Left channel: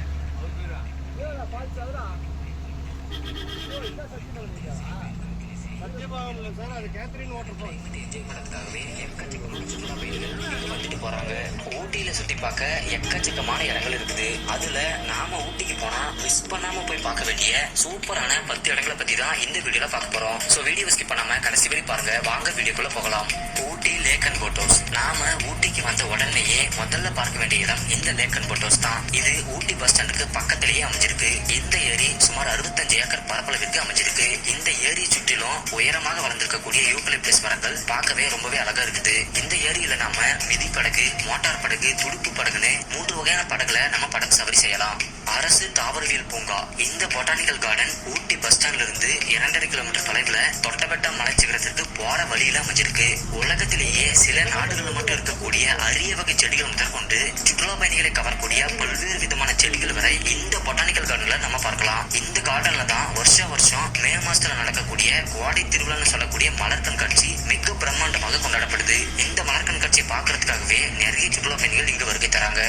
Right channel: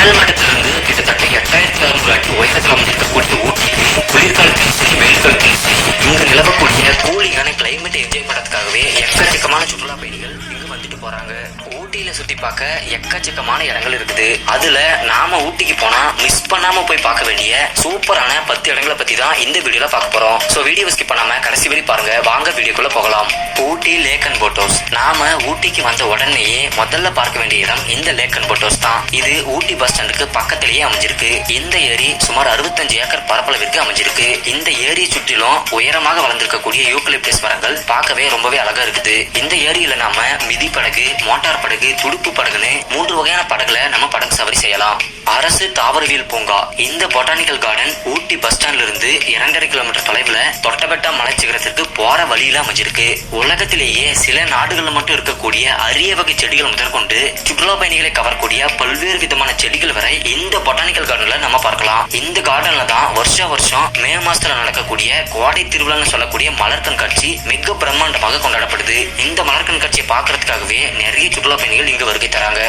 கடல் மட்டத்திலிருந்து கிட்டத்தட்ட 8600 அடி உயரத்தில் அமைந்திருக்கக்கூடிய ஊட்டி குளிர்காலத்திலும் சரி வெயில் காலத்திலும் சரி இங்கு நிலவக்கூடிய கூலிங்கான கிளைமேட் என்ஜாய் பண்ணுறதுக்காகவே எக்கச்சக்கமான சுற்றுலா பயணிகள் இங்கு வந்துட்டு போறாங்க. ஊட்டியில சுத்தி பார்க்க எக்கச்சக்கமான இடங்கள் இருக்குது. அதுல நாம ஊட்டிக்கு போனா மிஸ் பண்ணாம போய் பார்க்க வேண்டிய சூப்பரான 10 இடங்களை பத்தி தான் இந்த வீடியோல பார்க்க போறோம். சோ வீடியோ ஸ்கிப் பண்ணாம கடைசி வரை பாருங்க. வாங்க வீடியோக்குள்ள போகலாம். ஊட்டி லேக் அண்ட் போட் ஹவுஸ். நாம ஊட்டிக்கு வந்த உடனேயே முதல்ல பார்க்க வேண்டிய இடம் இந்த லேக் அண்ட் போட் ஹவுஸ் தான். இது ஊட்டி பஸ் ஸ்டாண்டுக்கு பக்கத்திலேயே அமைஞ்சிருக்கு. இந்த ஏரி சுமார் 65 ஏக்கர் பரப்பளவிற்கு அமைஞ்சிருக்கு. இந்த ஏரி சுற்றிலும் உயரமாக வளர்ந்திருக்கக்கூடிய யூக்கலிப்டஸ் மரங்கள் பார்க்கவே ரொம்பவே அழகா இருக்குது. இந்த ஏரியில நாம மிதி படகு, மோட்டார் படகு, துடுப்பு படகுன்னு 3 வகையான படகுல நம்ம படகு சவாரி செய்யலாம். அரசு தாவரவியல் பூங்கா. இந்த பொட்டானிக்கல் கார்டன் ஊட்டி பஸ் ஸ்டாண்ட்ல இருந்து 2.5 கிலோமீட்டர் தொலைவுல தொட்டபெட்டா மலைச்சிகரத்திற்கு போற வழியில அமைஞ்சிருக்கு. உலகத்திலேயே சில நாடுகள்ல மட்டும் இருக்கக்கூடிய அரிய வகை செடிகள் முதற்கொண்டு சுற்றுலா பயணிகளை கவரக்கூடிய பல்வேறு விதமான செடிகள் வரை இந்த பொட்டானிக்கல் கார்டன்ல நம்ம பார்க்கலாம். இந்த கார்டன்ல தான் வருஷம் மே மாசத்துல நடக்கக்கூடிய கோடை திருவிழான்னு சொல்லக்கூடிய மலர் கண்காட்சி மிக பிரம்மாண்டமாக கொண்டாடப்படுது. இந்த மலர் கண்காட்சியை பார்க்கறதுக்காகவே நிறைய சுற்றுலா பயணிகள் இங்கு வருகை தராங்க.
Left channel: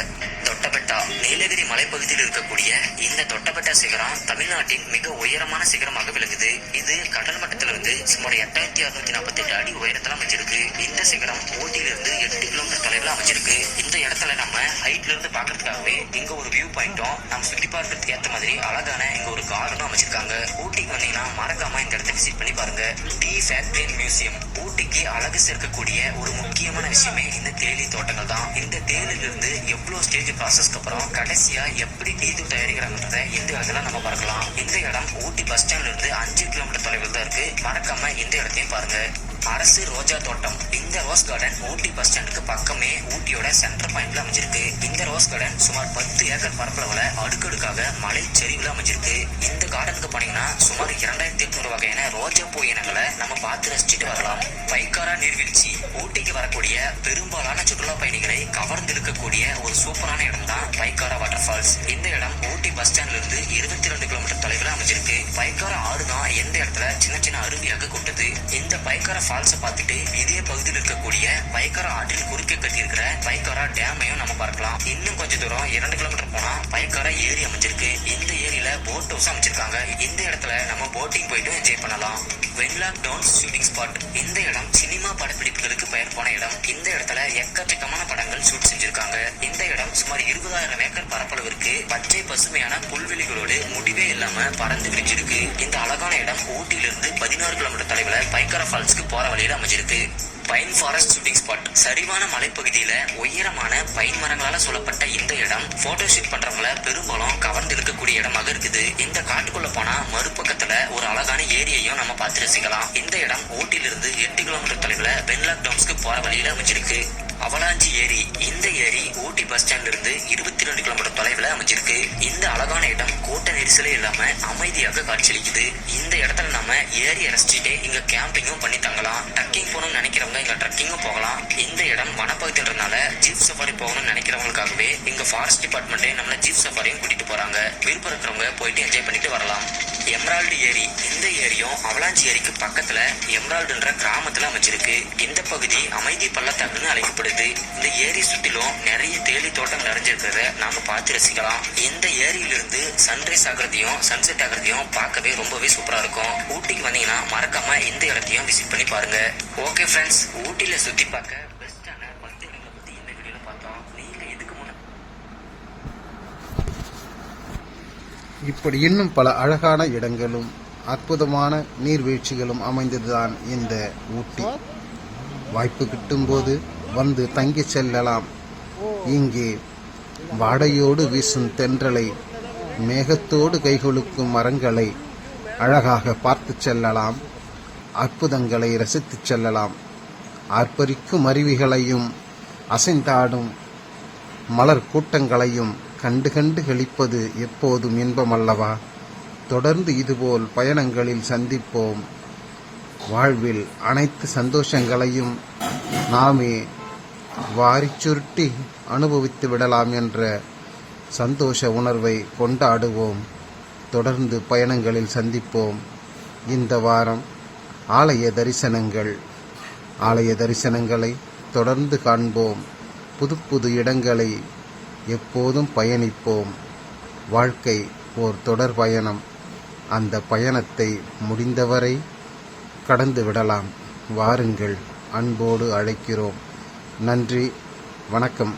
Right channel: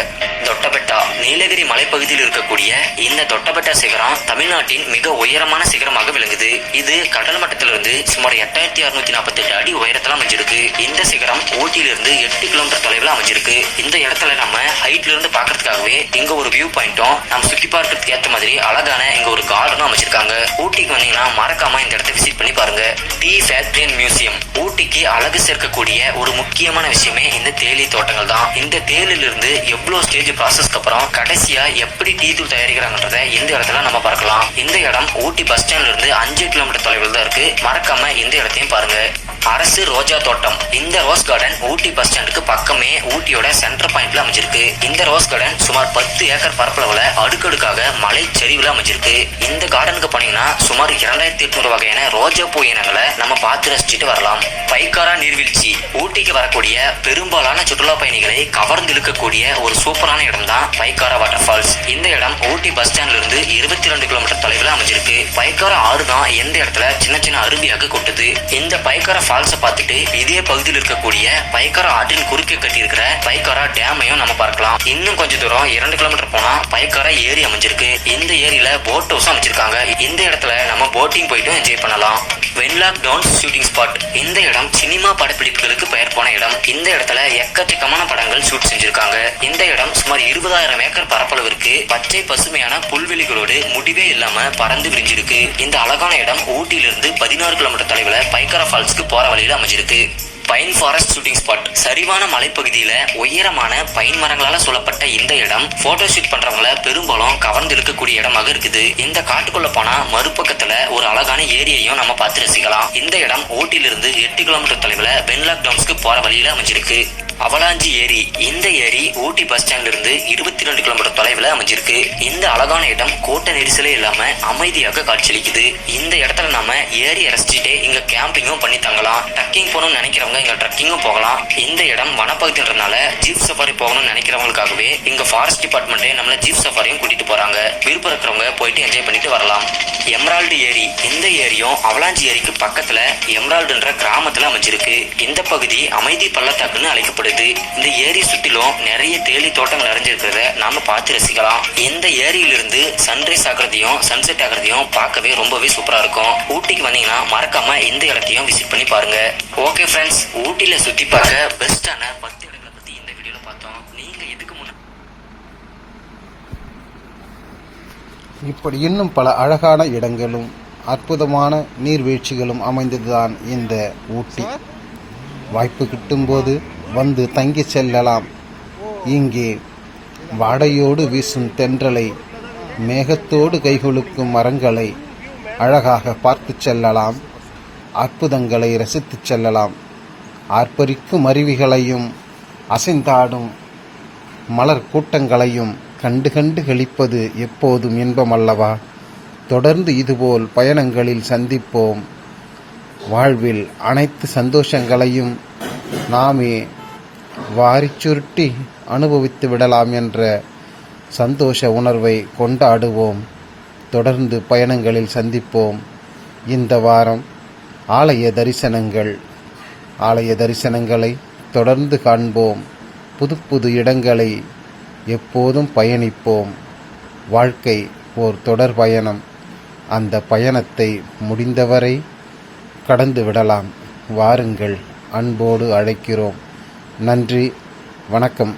தொட்டபெட்டா நீலகிரி மலைப்பகுதியில் இருக்கக்கூடிய இந்த தொட்டபெட்டா சிகரம் தமிழ்நாட்டின் மிக உயரமான சிகரமாக விளங்குது. இது கடல் மட்டத்திலிருந்து சுமார் 8648 அடி உயரத்துல அமைஞ்சிருக்கு. இந்த சிகரம் ஊட்டியிலிருந்து 8 கிலோமீட்டர் தொலைவில் அமைஞ்சிருக்கு. இந்த இடத்துல நம்ம ஹைட்ல இருந்து பாக்குறதுக்காகவே இங்க ஒரு வியூ பாயிண்ட்டும் நம்ம சுத்தி பார்க்கறதுக்கு ஏற்ற மாதிரி அழகான இங்க ஒரு கார்டனும் அமைச்சிருக்காங்க. ஊட்டிக்கு வந்தீங்கன்னா மறக்காம இந்த இடத்தை விசிட் பண்ணி பாருங்க. Tea factory and museum. ஊட்டிக்கு அழகு சேர்க்கக்கூடிய ஒரு முக்கியமான விஷயமே இந்த தேயிலை தோட்டங்கள் தான். இந்த தேயிலில் இருந்து எவ்வளவு ஸ்டேஜ் ப்ராசஸ்க்கு அப்புறம் கடைசியா எப்படி டீ தூள் தயாரிக்கிறாங்கன்றத இந்த இடத்துல நம்ம பார்க்கலாம். இந்த இடம் ஊட்டி பஸ் ஸ்டாண்ட்ல இருந்து 5 கிலோமீட்டர் தொலைவில் தான் இருக்கு. மறக்காம இந்த இடத்தையும் பாருங்க. அரசு ரோஜா தோட்டம். இந்த ரோஸ் கார்டன் ஊட்டி பஸ் ஸ்டாண்டுக்கு பக்கமே ஊட்டியோட சென்டர் பாயிண்ட்ல அமைஞ்சிருக்கு. இந்த ரோஸ் கார்டன் சுமார் 10 ஏக்கர் பரப்பளவுல அடுக்கடுக்காக மலை சரிவுல அமைஞ்சிருக்கு. இந்த கார்டனுக்கு போனீங்கன்னா சுமார் 2800 வகையான ரோஜா பூ இனங்களை நம்ம பார்த்து ரசிச்சுட்டு வரலாம். பைக்காரா நீர்வீழ்ச்சி. ஊட்டிக்கு வரக்கூடிய பெரும்பாலான சுற்றுலா பயணிகளை கவர்ந்து இழுக்கக்கூடிய ஒரு சூப்பரான இடம் தான் பைக்காரா வாட்டர் ஃபால்ஸ். இந்த இடம் ஊட்டி பஸ் ஸ்டாண்ட்ல இருந்து 22 கிலோமீட்டர் தொலைவில் அமைஞ்சிருக்கு. பைக்காரா ஆறு தான் எந்த இடத்துல சின்ன சின்ன அருவியாக கொட்டுது. இந்த பைக்காரா ஃபால்ஸை பார்த்துட்டு இதே பகுதியில் இருக்கக்கூடிய பைக்காரா ஆற்றின் குறுக்கே கட்டி இருக்கிற பைக்காரா டேமையும் நம்ம பார்க்கலாம். இன்னும் கொஞ்சம் தூரம் 2 கிலோமீட்டர் போனா பைக்காரா ஏரி அமைஞ்சிருக்கு. இந்த ஏரியில போட் ஹவுஸ் அமைச்சிருக்காங்க. இந்த இடத்துல நம்ம போட்டிங் போயிட்டு என்ஜாய் பண்ணலாம். Wenlock Downs shooting spot. இந்த இடம் சினிமா படப்பிடிப்புகளுக்கு பெயர் போன இடம். இந்த இடத்துல எக்கச்சக்கமான படங்கள் ஷூட் செஞ்சிருக்காங்க. இந்த இடம் சுமார் 20,000 ஏக்கர் பரப்பளவிற்கு பச்சை பசுமையான புல்வெளிகளோடு முடிவே இல்லாம பறந்து விரிஞ்சிருக்கு. இந்த அழகான இடம் ஊட்டியிலிருந்து 16 கிலோமீட்டர் தொலைவில் பைக்காரா ஃபால்ஸ்க்கு போற வழியில அமைஞ்சிருக்கு. Pine forest shooting spot. சரிவான மலைப்பகுதியில உயரமான பைன் மரங்களால சூழப்பட்ட இந்த இடம் போட்டோ ஷூட் பண்றவங்கள பெரும்பாலும் கவர்ந்து இழுக்கக்கூடிய இடமாக இருக்குது. இந்த காட்டுக்குள்ள போனா மறுபக்கத்துல ஒரு அழகான ஏரியையும் நம்ம பார்த்து ரசிக்கலாம். இந்த இடம் ஊட்டியிலிருந்து 8 கிலோமீட்டர் தொலைவில் வென்லாக் டவுன்ஸ்க்கு போற வழியில அமைஞ்சிருக்கு. அவலாஞ்சி ஏரி. இந்த ஏரி ஊட்டி பஸ் ஸ்டாண்ட்ல இருந்து 22 கிலோமீட்டர் தொலைவில் அமைஞ்சிருக்கு. இந்த அழகான இடம் கூட்ட நெரிசலே இல்லாம அமைதியாக காட்சியளிக்குது. இந்த இடத்துல நாம ஏரி ரசிச்சுட்டு இங்க கேம்பிங்கும் பண்ணி தங்கலாம். ட்ரக்கிங் போகணும்னு நினைக்கிறவங்க இங்க ட்ரக்கிங்கும் போகலாம். இந்த இடம் வனப்பகுதின்றதுனால ஜீப் சஃபாரி போகணும்னு நினைக்கிறவங்களுக்காகவே இங்க ஃபாரஸ்ட் டிபார்ட்மெண்ட் நம்மள ஜீப் சஃபாரியும் கூட்டிட்டு போறாங்க. விருப்பம் இருக்கிறவங்க போயிட்டு என்ஜாய் பண்ணிட்டு வரலாம். எமரால்டு ஏரி. இந்த ஏரியும் அவலாஞ்சி ஏரிக்கு பக்கத்துல எமரால்டுன்ற கிராமத்துல அமைஞ்சிருக்கு. இந்த பகுதி அமைதி பள்ளத்தாக்குன்னு அழைக்கப்படுது. இந்த ஏரி சுற்றிலும் நிறைய தேயிலை தோட்டம் நிறைஞ்சிருக்கிறத நாம பார்த்து ரசிக்கலாம். இந்த ஏரியிலிருந்து சன்ரைஸ் ஆகிறதையும் சன்செட் ஆகிறதையும் பார்க்கவே ரொம்பவே சூப்பரா இருக்கும். ஊட்டிக்கு வந்தீங்கன்னா மறக்காம இந்த இடத்தையும் விசிட் பண்ணி பாருங்க. ஓகே ஃப்ரெண்ட்ஸ், ஊட்டில சுத்தி பார்க்க பெஸ்டான 10 இடங்களை பத்தி இந்த வீடியோல பார்த்தோம். நீங்க இதுக்கு முன்னாடி இப்படி இன்னும் பல அழகான இடங்களும் அற்புதமான நீர்வீழ்ச்சிகளும் அமைந்ததுதான் இந்த ஊட்டி. வாய்ப்பு கிட்டும்போது வந்து தங்கி செல்லலாம். இங்கே வாடையோடு வீசும் தென்றலை, மேகத்தோடு கைகொழுக்கும் மரங்களை அழகாக பார்த்து செல்லலாம். அற்புதங்களை ரசித்து செல்லலாம். ஆர்ப்பரிக்கும் அருவிகளையும் அசைந்தாடும் மலர் கூட்டங்களையும் கண்டு கண்டு களிப்பது எப்போதும் இன்பமல்லவா? தொடர்ந்து இதுபோல் பயணங்களில் சந்திப்போம். வாழ்வில் அனைத்து சந்தோஷங்களையும் நாமே வாரிச் சுருட்டி அனுபவித்து விடலாம் என்ற சந்தோஷ உணர்வை கொண்டாடுவோம். தொடர்ந்து பயணங்களில் சந்திப்போம். இந்த வாரம் ஆலய தரிசனங்களை தொடர்ந்து காண்போம். புது புது இடங்களை எப்போதும் பயணிப்போம். வாழ்க்கை ஓர் தொடர் பயணம். அந்த பயணத்தை முடிந்தவரை கடந்து விடலாம். வாருங்கள், அன்போடு அழைக்கிறோம். நன்றி, வணக்கம்.